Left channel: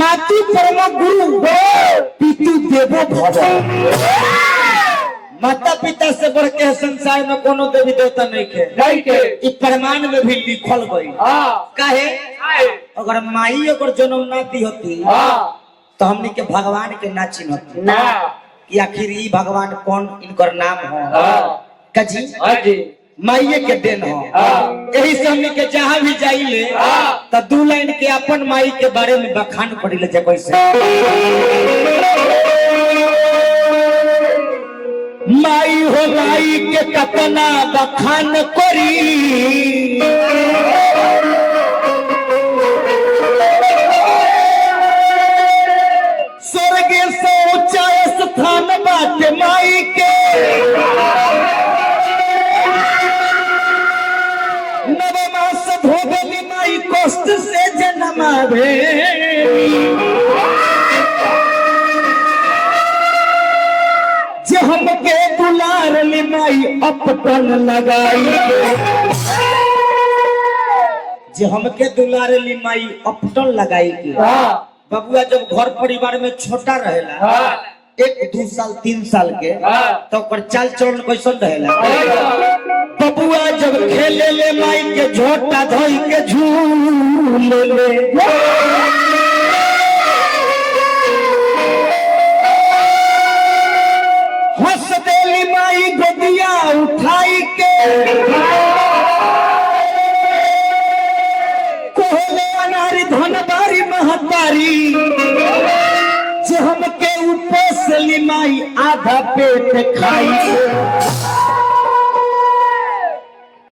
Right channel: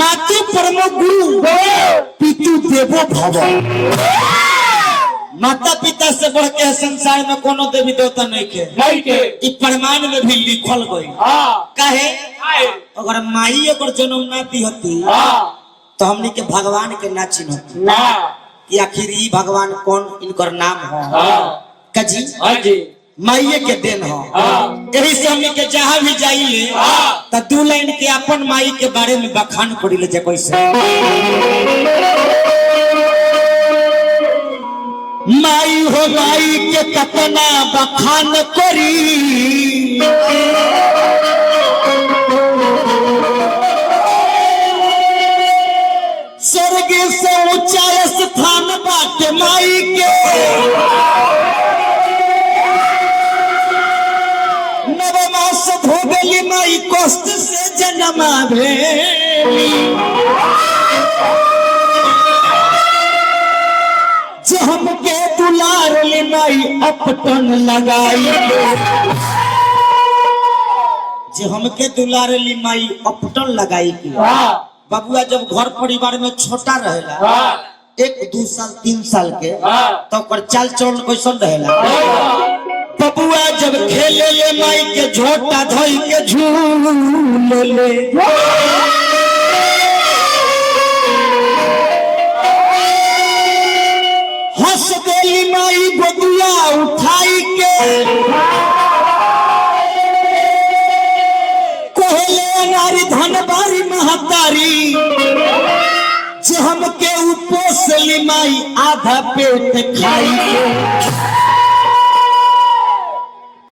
मातु परम गुरु पितु देवो भव। माता पिता से बढ़ के संसार में कोनो देवी देवता नहीं के कि प्रमाण में भी लिखल गई। कहे अगर माई अगर जन्म ना दी होती तो हमने के भगवान के ना चिन्हती कि आखिर ये भगवान कौन इनकर नाम है कजी माइये के देन हो। यही से हमने के जहाँ भी जाइए तो दू लाइन के अपन माई के बारे में बखान करी ले जे कैसे माई हो माई के कतना बखान करी स्वर्ग से ऊंचा स्थान बाटे माई के नवमास भोगली माई कष्ट से जन्मावे जो हमके दुलार ले माई अपटन लगाई जो हमके दुलार ले माई अपटन लगाई के बबुआ जब घर परिवार में छोटा रहेला 1-2 साल 3 साल के तो ओकर चाल चलन कैसन रहेला बबुआ जब खेले ले माई के झोटा धोई के झूले ले हंस देली माई गोदिया उठाई के नारी धनबारी महतारी जो हमके उपोसली माई आधा पेट खाई